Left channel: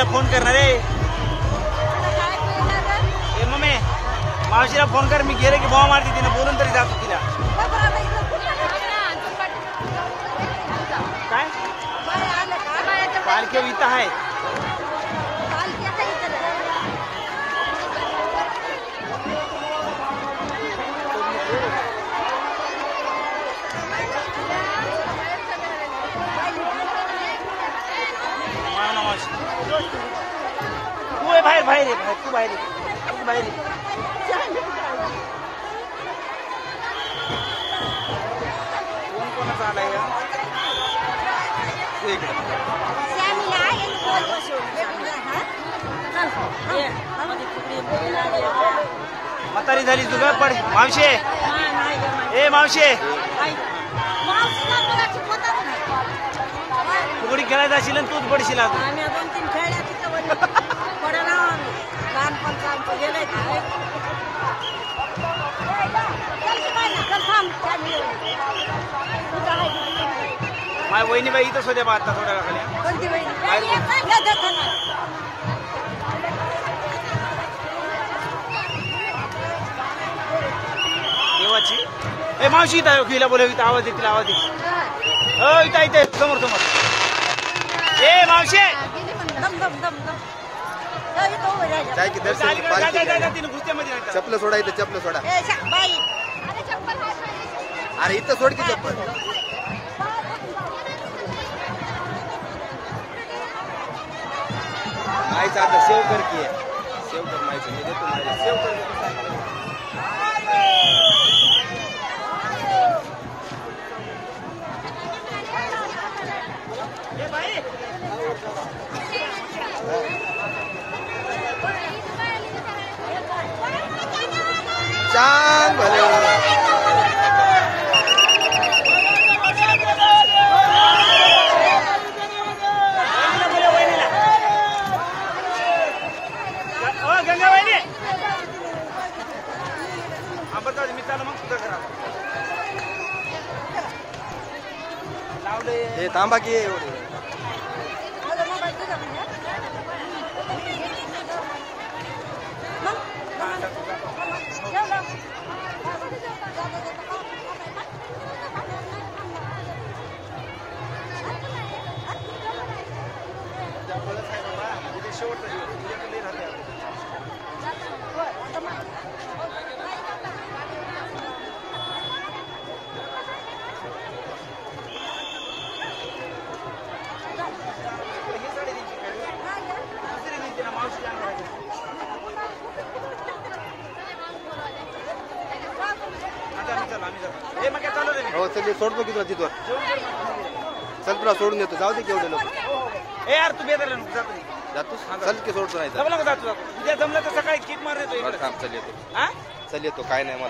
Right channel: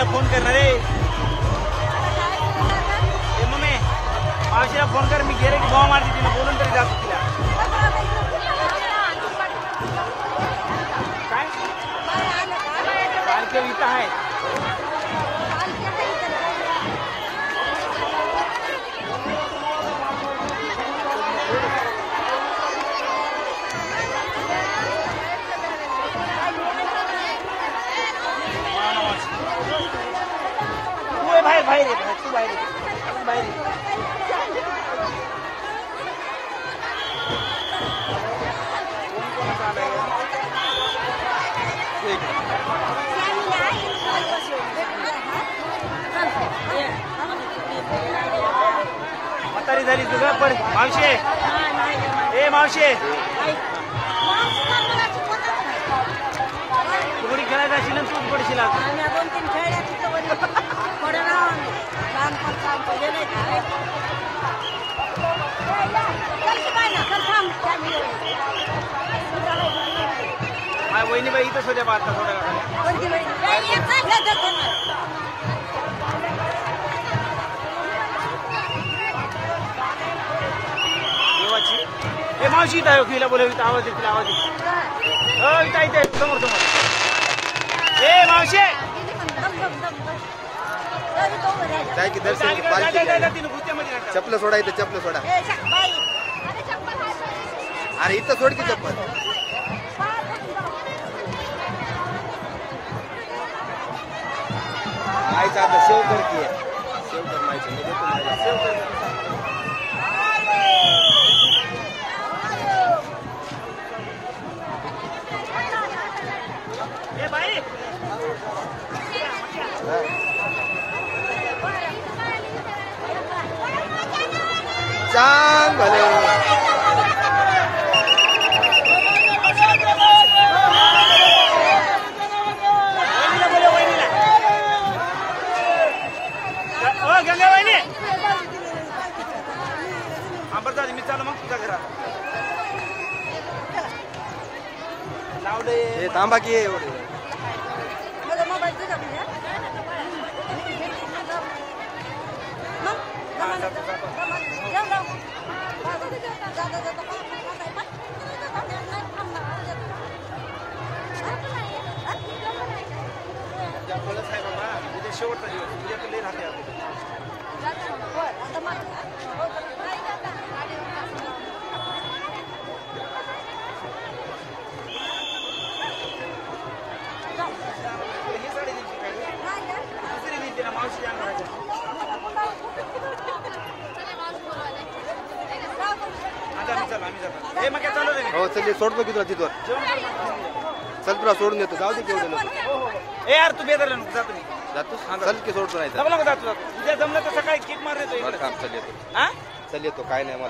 मावशीला फोन करणार रे. मम्मी मावशीला फोन कर. मी गेले की भाव मारते तिने. बोलून तरी जातो तिला. काय कालके इथं आहे. बाहेर बाहेर आहे. तू बाहेर बाहेर म्हातारी झाली तुला. पण मावशे ए मावशे फुगडी खेळायला असेल ना तू पडशील. वहिनीबाई इथंच होते बा आता थोड्या देवाची. ए मावशी इथं आहे. फिला बोलव. इथं आवाज येतील. आवाज येईल. इथं इथे समोर समोर. ए मावशी जाय की दर्शन की पालखी चप्पल सोडा. इथं चप्पल सोडा. अरे इथं सोड की चप्पल. मायचं आता सेव कर की. सेव कर मायचं. मी देतो मायला. सेव कर. चांग भले हे थांबा की एवढे. हो चल सोडतो की तुला तिथवर. चल तुला सोडून देतो. जाऊ दे केवढे लोक. ए यार तू बेदर जातो. चल की सोडतो. नाही जातो. उद्या जमलं तर सकाळी किक मार देतो. चल येतो. चल येतो. काय नाही मला.